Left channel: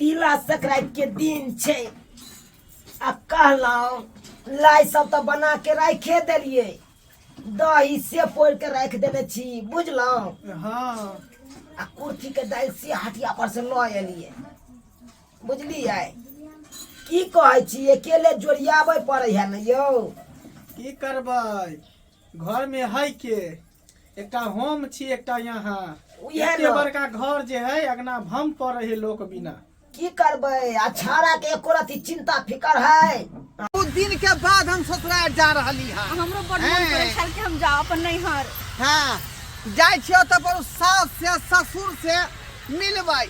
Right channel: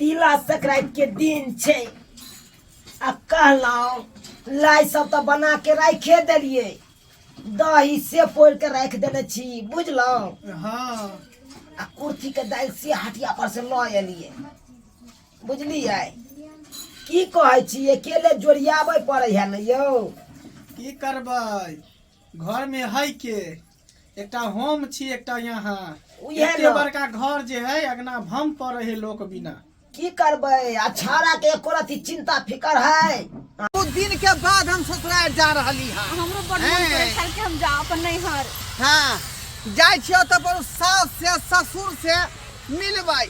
तिला संक्रांति के दिन छे आ कहलौं लाई सब तो बना के रखे देलिए दही से पोड़ के रख देने छी बुझलौं। हाँ आ कुर्ती के दाल से हटिया पर से ल एलिए बुझलिए। की कहै छी अकेले जोड़ियाबे पड़े है न यौ। की करबै घर में है के एकटा होम छी एकटा यहाँ उहे एते न। बड़का घर जे है अगना भम पड़े है लोक बिना। की करबै आ छाड़ा के एको रति चिंता फिकर है। दू दिन के बाद हम ससुराल जा रहली हां। हमरो बड़ मन करे छल कि हम जाओ अपन नैहर। हां जाय छियो त पर सास से ससुर से मिलबै।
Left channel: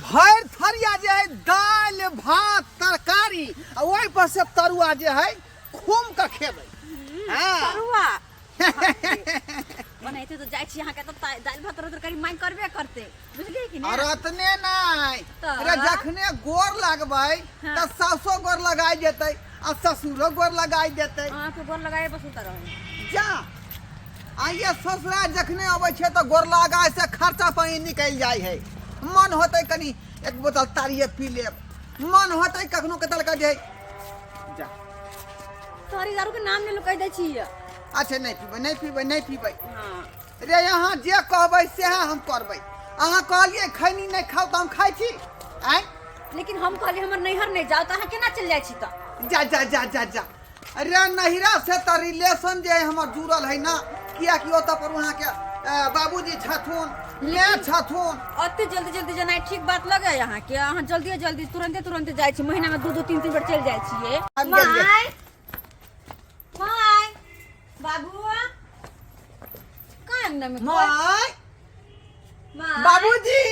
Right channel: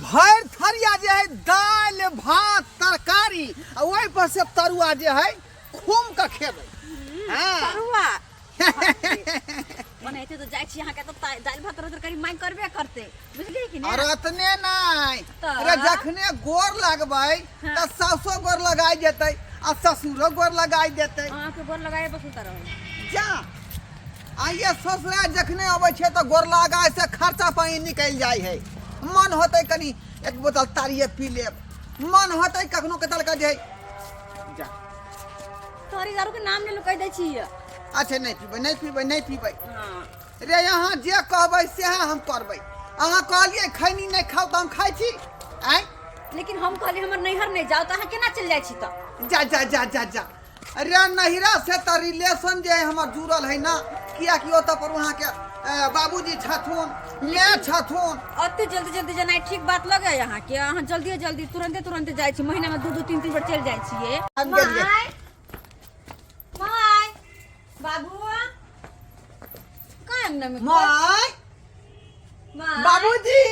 भर थरिया जे है दाल भात तरकारी आ ओइ पर से तरुआ जे है खूम के खेबै। हां तरुआ बनाइते तो जाय छी यहां के त दाल भात तरकारी मांग करबे करते बुझलिए कि नहीं। और अतने नहीं तऽ? अरे जखने गोर लगबै त हाँ। सासो गोर लगाई देतै आ ससुरो गोर लगाई देतै। हां के गोर लगाए बस उतर रहो जा आइए ससुराल जखने अबै छै त गोर लगाय से खर्चा पानी निकल जाय है। मन होतै कनी एक बोतल तारिये पी लेब मन होतै कखनो कतल का जे जा तोरी दारू के नाम नहीं लुकाई दै छी। अच्छा नहीं पीबै नहीं पीबै नहीं पीबै। हां रे यहाँ जे कहबै से हम करबै। अहाँ कहलिए खैनी नहीं खाओ त हम खाइ छी आइ लेकिन हम कहली हमर नैहर नहीं जाओ त अहां केना चल जाय छी त। जा जा जा जा जा अरे नहिरा से त रिलेशन जे हमर जुड़ल है ना किया कि ओत पर वहाँ के बाबूजी छथुन मैं छथुन। अते जल्दी जल्दी जना ठीक बात लगे यहाँ के अहां जल्दी जल्दी तुरंते जाय छी महीना में 2-2 3-3 बार चल जाय छिए। हम गेलिए। माय बाबू का अंगना में माय माय बाबूजी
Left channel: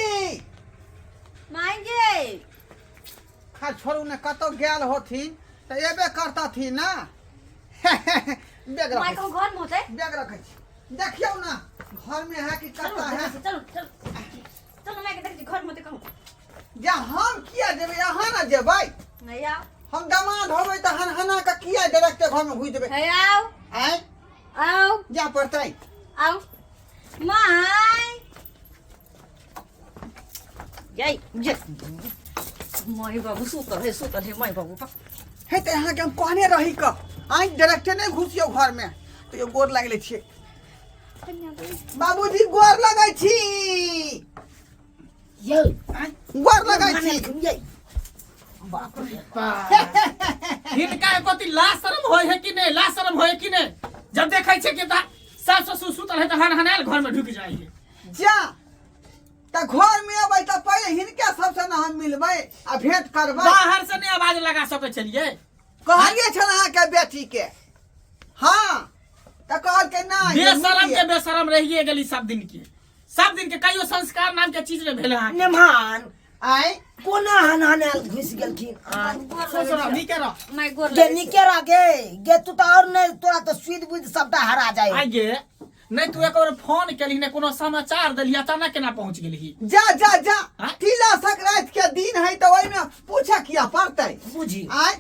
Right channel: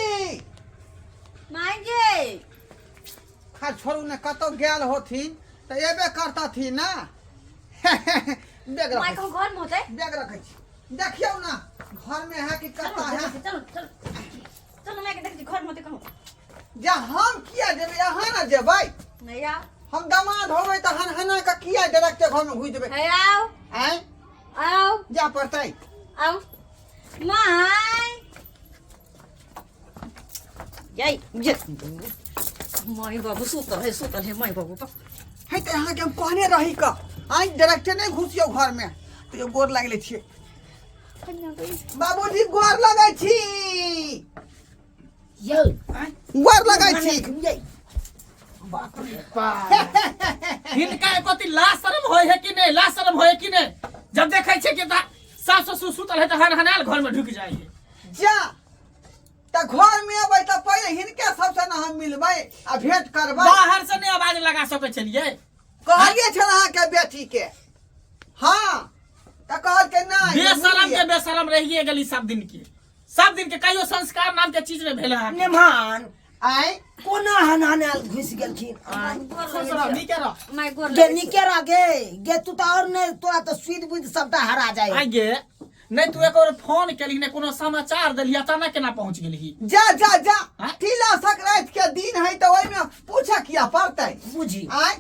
माय गे खा छोड़ू ने कतो गेल होथिन त एबे करता थी ना। बैग माय रखै कहूं घर में होते बैग रखै छी देखियौ ना घर में है कि चलो करता है। चलो चलो चलो मैं के देख छी घर में होते कहूं जा हम किया जेबै यहाँ ना जेबै नहीं आओ हम दामाद होबै त हना का किया डायरेक्ट घर में घुस जेबै। है आओ आइ आओ जा पड़तै आओ माय यही ये माय बाबू सुतल है माय बाबू है त यहाँ के हम कहने रही क आइ डायरेक्ट नहीं घुसियो घर में तो ये गोर लागले छियै। बाबूजी गोर लगै छी ये गोर लगै छी। ये बाप रे हिनका कति लाज शरम होय है कि नहीं लाज शरम होय कि नहीं जब देखै छै कि सास ससुर सुतल है त हनाल घर में ढुक जाय है। जा त घर में अबै त पहिले हिनके सबसे न हम मिलबै आ भेंट करबै। बाहर से नहीं आवाज लगा सकै छलिए। कहलिए छल अहाँ के बेटी के हां त कहल के ना बेशरम के बेशरम रहिए गेली सब दिन के कहियो संस्कार नाम के चीज में भेल है। मेहमान आइ कोना हनहनाल घुस गेलखिन ससुर नी के रह माय गोर गे निकेरा गे तू तो और नहीं तोरा तो सुध बुध सबटा हरा जाए। आ गे नहीं तू एक और फोन केली ने कोनो समाचार देलिया तना केना पहुंच गेली। जा जा जा हाँ? तिला संक्रांति के दिन है तो ओइ में पूछा किया पड़तै। बुझी आइ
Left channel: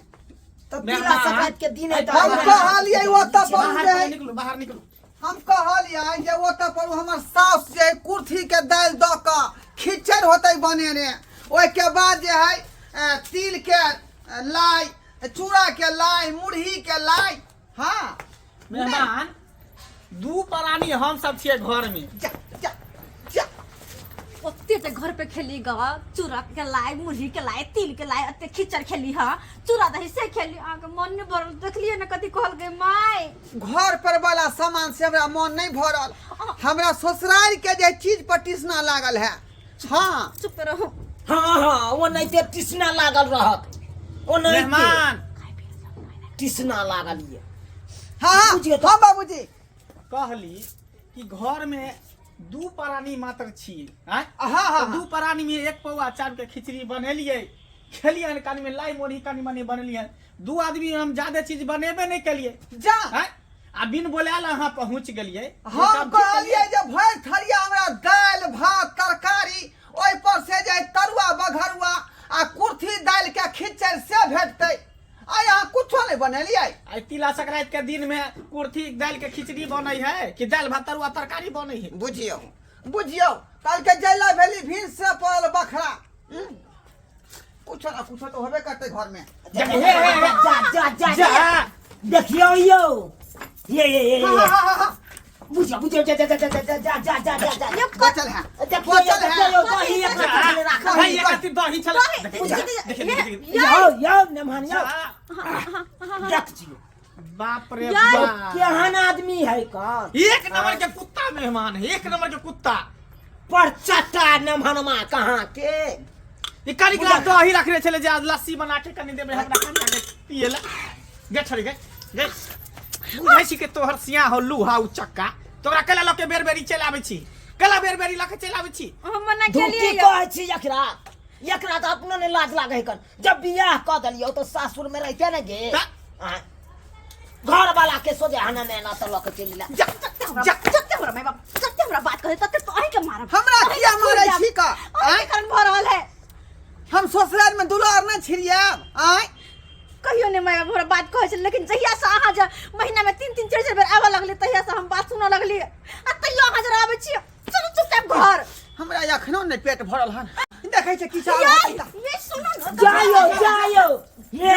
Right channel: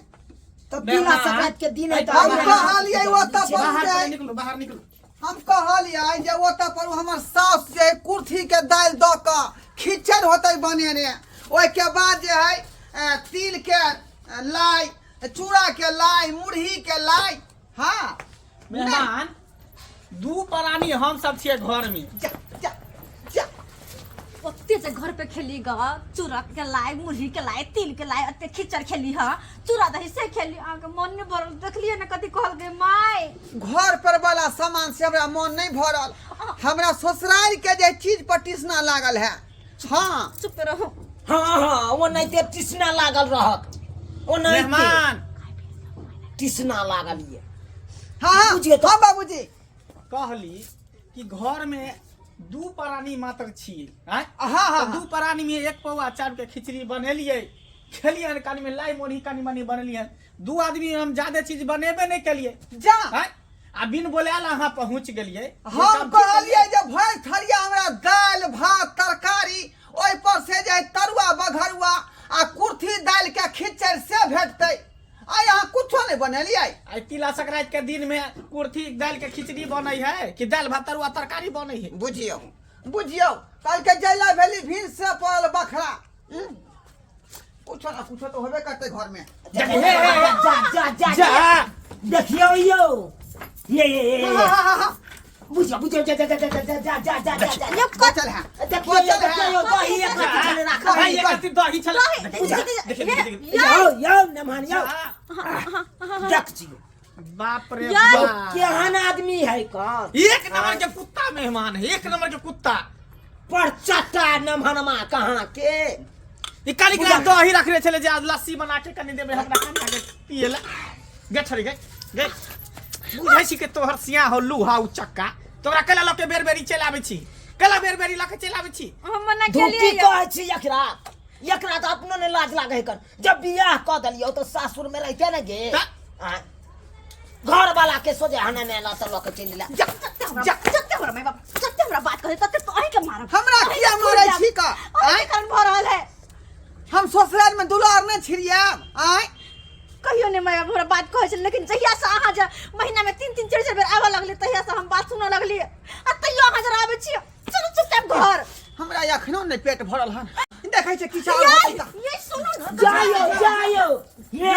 तो तिला संक्रांति के दिन है तो हम कहलिए ओतऽ पर जे बाहर निकलो हम कहलिए जे ओतऽ पर हमर सास जे कुर्थी के दाल द क खिचड़ होतै बनेने ओइ के बाद जे है तिल के लाई चूड़ा के लाई मुरही के लाई। हां मेहमान दू प्राणी हम सब छिए घर में। जा जा जा ओते से घर पे खेली ग चूड़ा के लाई मुरही के लाई तिल के लाई अते खिचड़ खेली हां चूड़ा दही से खेली आ के मन नहीं भरल देखलिए ना कति कहल गए माय घर पर वाला सामान से हमरा मन नहीं भरल। हमरा ससुराल के जे चीज पटिसना लागल है। हां चुप रहो हाँ वो नहीं ते टिसना लागल रहत वो नहीं मेहमान टिसना लागल ये हां बुझिए तो। हां बाबूजी कहली कि घर में दू प्राणी मात्र छिए। हां हां दू प्राणी में एक पौआ चार के खिचड़ी बनेलिए खेलिए कानी में लाई मोनी कानी मानी बनलिए। दू आदमी हम ज्यादा चीज बनेबे नहीं केलिए। जा आ बिन बोलाल अहाँ पहुंच गेलिए। हम कहलिए जे भर थरिया हमरा दाल भात तरकारी ओइ पर से जे तरुआ बघरुआ आ कुर्थी दाल के खिचड़ से भेटतै। आइ अहाँ कुछो नहीं बनेलिए। आई तिला संक्रांति के दिन में कुर्थी दाल के खिचड़ी बनै है कि दाल भात तरुआ तरकारी बनै है। बुझियो बुझियो कल के जैला भेली भीड़ से पड़ल बखरा ना कुछ तो होबे करते घर में। जा जा जा जा देखियो यो ये बुझो बुझो जा जा जा जा जा जा जा जा जा ये बचल है। देखियो देखियो दही एक चले रखा भाई ये कति दही चला देखिए यो नमहन यो देख जियो बाप रे यो बाप केहन आदमी है कौन एक नंबर के कुत्ता मेहमान है, एक नंबर के कुत्ता। पर चट्टा नमहनमा कहाँ के ये काली गिलास दही रखने चले जे आज लस्सी बना के कनी देबे हमरा कनी आगे पिएला गे छड़ी गे बुझै छी के तोहर सिया हो लूहा उ चक्का तोरा केला लके बेर बेरी चल आबै छी, केला बेर बेरी लके चल आबै छी। हम मना धूती केलिए कहै छी एकरा एकरा तो अपनो ने लाज लागे कन जब बियाह क दलियो तो सासुर में रहते न गे घर वाला के सोजे हना ने ना त लके चलिला जत्ते हमरा माय बाप जत्ते हमरा बात करे तत्ते तो अही के मारब। हमरा किया मारै छी का? अही कारण भ रहल है। हम ससुराल में दुलार नहीं छिड़िया आय कहियो ने माय बाप हमरा बात कहै छै, लेकिन जहिया से अहाँ जे महीना में 3-3 4-4 बेर आवे लगले तहिया से हम बात सुनऽ लगली आ तैयो अहाँ जरा आबै छी चलू चुपचाप घर। हमरा एखनो नहीं पेट भरल हन देखै छै की चाल ये सुनो ना जायो जायो ये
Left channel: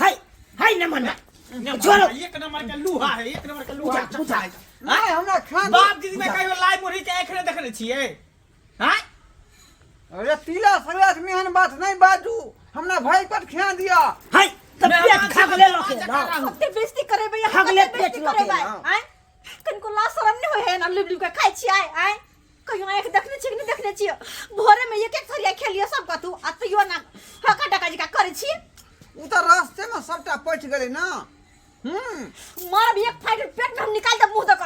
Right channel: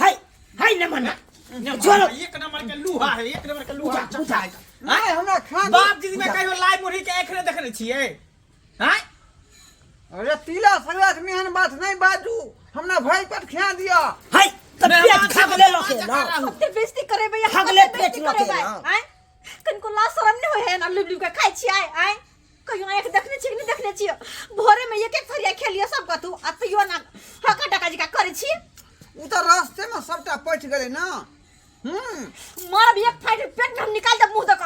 हाय हाय न मना चलो एक नंबर के लूहा है, एक नंबर के लूहा चक्का है। नहीं हमरा खान बाप दीदी में कहियो लाई मुरही के एखरे देखने छिए हैं? अरे तिला संगात मेहन बात नहीं बाजू हमरा भाई पर खिया दिया। हाय तबियत खगले लके ना ओते बेइज्जती करे भैया खगले पेट लके ना आय कनको ला शरम नहीं होय है ना लुबलु के खाइ छी आय कहियो आंख देखने छी नहीं देखने छी भोरे में एक एक थरिया खेलिए सब कतू आ तैयो ना हका टका जी का करे छी उ तो रास्ते में सबटा पच गेले ना। मार भी एक फाइट पेट में हम निकाल दे मुंह तक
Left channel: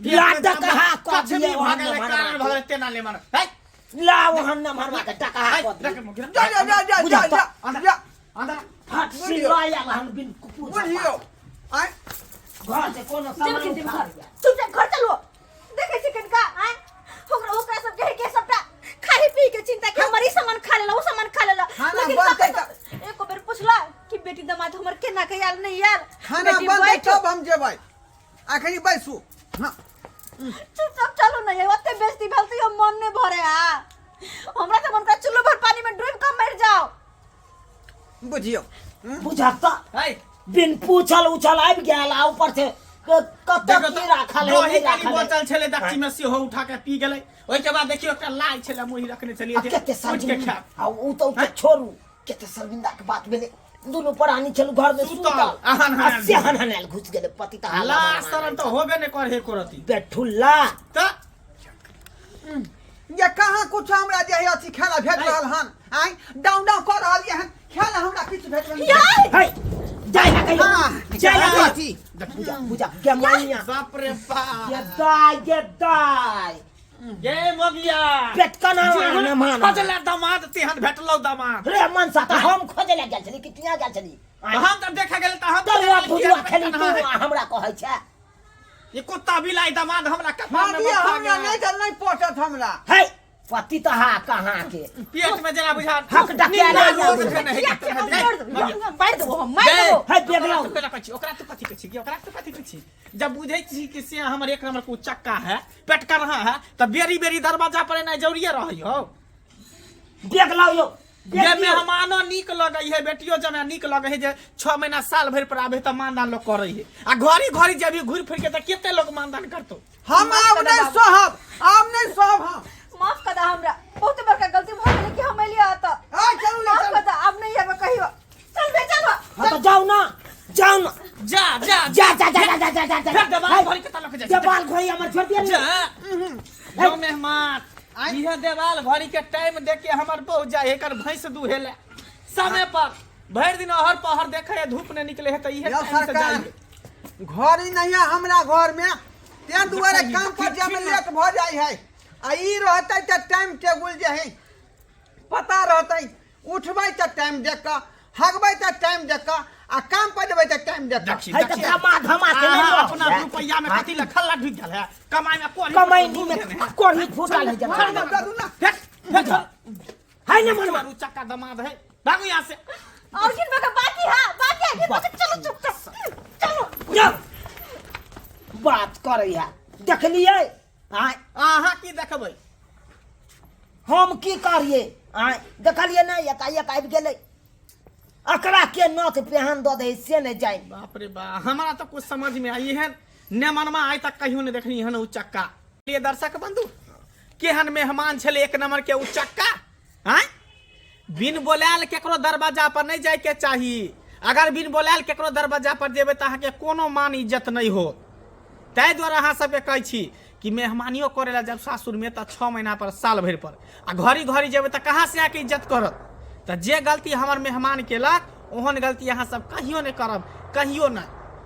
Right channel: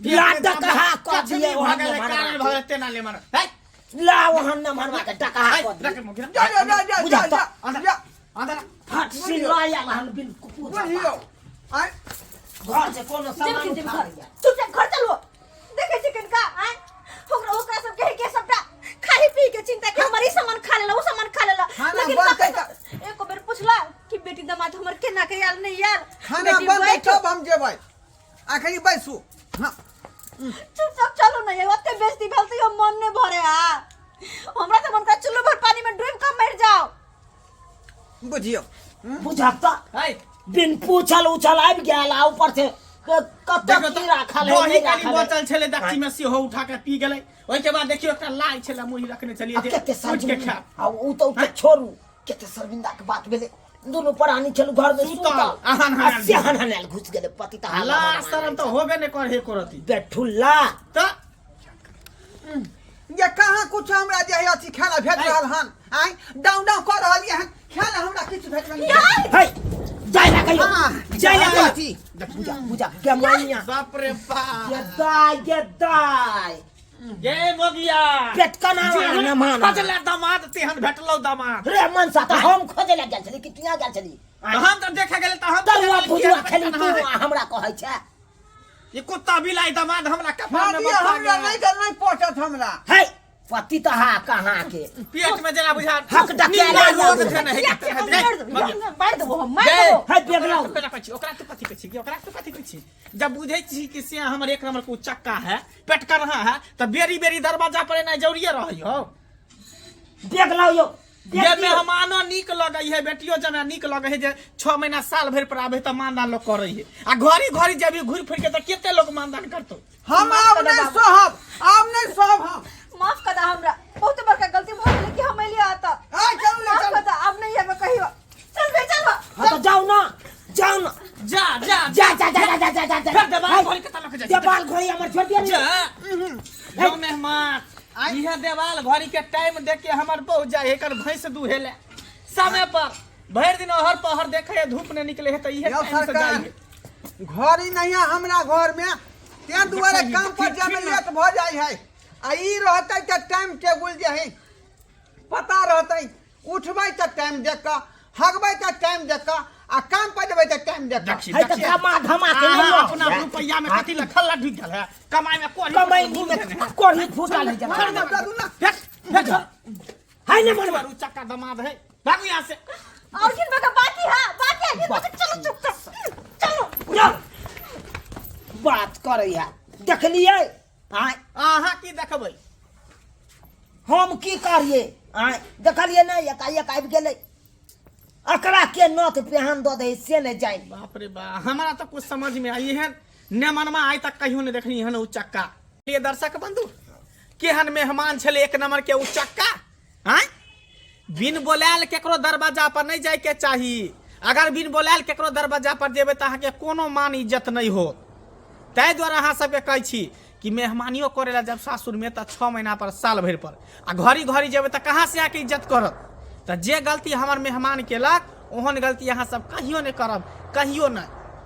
लाड कहा क दिए वहन भागले कारण न भगले तेना ले मार है ला वहन न मरवा के टका क रख दिए मुखिया जा बुझा तो अंदर अंदर फट से लाया वहन बिन कुकुर बुझियो आय घर से कोनो चल सामान के उठा घर लिया। चुपचाप घर चलो देखे छी कनका आय ओकरा सब कहे के सबटा खाई पी के चिंता के हमारी सामान खा लेला वो सामान खा लेला खाना लेकिन बंद पता कर। एको बेर पूछला कि बेटी दामाद हमर केना के यार नहीं यार खाना बेटी बंद बैठ, तब हम जेबै आखिरी बैसू। हां चुपचाप चलो ना ये ओते बेइज्जती भेल त यो मन ने भरे आ हमरा त मन का चुल्लू भर पानी में डूब के मर जाओ बुझियो बुझा तो है बिन पूछल उछल आबि गेल आ ऊपर से कत की राखल है दही नहीं काली राखल है बोतल छले दक्षी में से हो उठा के पी गेलै ओइ के बाद देखियो एकटा लाई छले मुही रखने चलिए जे केते पूछ के खा शर्मिंदा आ उ तो छोड़ू केते शर्मिंदा के बात भेले दोनों प्राणी चलू घर में सुतल अहन हनल। सेहन हनल घुस गेले पति त ला हाला शरण तो होबे ने करे करती बेठुल्ला तो ये कहाँ कुछ हमरा जे है अथी खाना भेट रहल हन आय डाउन डाउन कर रहल ये खाना हमरा किछ भेट रहल है जाय ना कहियो हां जाय ना अथी बुझा बुझा के मानिया बाप रे बाप ये दाय ये मोगिया पेट कना न मान खोजले दामाद तेहन भेटलौ दामाद रे मन सा त हम खोजे ले गेल छली कितना गेल छली हम त देखे गेल त हम दलवा भुजवा खेली तू हमरा कहै छै ये कुत्ता बिलाई दामाद हमरा कपार में हमरा बफा हमरा नहीं चल नहीं पहुंचत हमरा है पति त हा कहाँ के पेट में जरा बुझा हक डकिया नीला ले लोग बुझा। छै नहीं मार दो मार दो है बेगलाउ ओकरा तू कथी कहै छी ओकरा तू कथी कहै छी जब बुझै छी कि से हमर एक नंबर को चक्का है पेट कर रहा है त बेरी बेरी दरवाजा पर ना जरूरी रहै हो बेगलाउ यो जे मेहमानो नीक लगै है बेटियो जना नीक लगै है जे 6 महीना साल भर पर आबे त मानदान लोग करै है आ घड़ी घड़ी जब भी घुर फिर के त केते लोग मानदान करतो हम आब नहीं सहब हम माफ कर दा हमरा बहुत बड़का गलती भ गेलै कि हम एलिया त आ चलू ले माफ चलू कर दा अब नहीं आबे कहियो चल बेटा हाँ तो जाओ ना जा जा जा जा जा जा जा जा जा फिर देवाल घड़ी के तलक जा देवाल घड़ी हमर छोड़ दिया जो मेहमान यह देवाल घड़ी के टाइम देख के हमर बहु जाए एकर भैंस दुहेले समय पर भर दिन हर पहर देखे धूप ने निकले है त इहे यो टाइम से सरकार जाइए घर ही नहीं है हमरा घर में ते दुआरे काम पर जामे लेट भ जाय है आ ई रहतै त टाइम टेबुल जे है पता रहतै उठबै त टाइम देख के हगबै त टाइम देख के आ काम पर जेबै त टाइम देख के है तो धमा धमा के नहीं लो अपना रुपया में कथी लखल ढिक गल है कमाई में कोन कमाई में कोड़ी फूटा ले जा ना दादू ना है ना मनवा चक्का दमाद है भागो यहाँ से और किन बका बाकी हां बाकी है बका चलो चुपचाप चलो बात करे है देख लिए हां आहा की देखबै हम की करिए आय देखलिए ना एकाएक आबि गेलै अकरा के नथ पेहन दऽ दे से नहीं जाए बाप रे बाप हमारा तो कुछ समझ में आई है न मनमा आज तक कहियो नहीं देखनी है उचक्का ये दर्शक बंधु केहन मेहमान छले एक नंबर के उचक्का हैं बिन बोलायल केकरो दरवाजा पर नहीं जाए के चाही अगर बिन बोलायल केकरो दरवाजा पर जेबे त अहाँ के कोनो मान इज्जत नहीं हो ताहि द्वारा अहाँ सबके कहै छी कि मेहमानियों करे ला जब सासुर में त 6 महीना पर साल भर पर आ घड़ी घड़ी जेबे त कहाँ से आके इज्जत करत त जे गलती हमर मेहमान केलक ओहन गलती अहाँ सब कहियो नहीं करब कहियो नहीं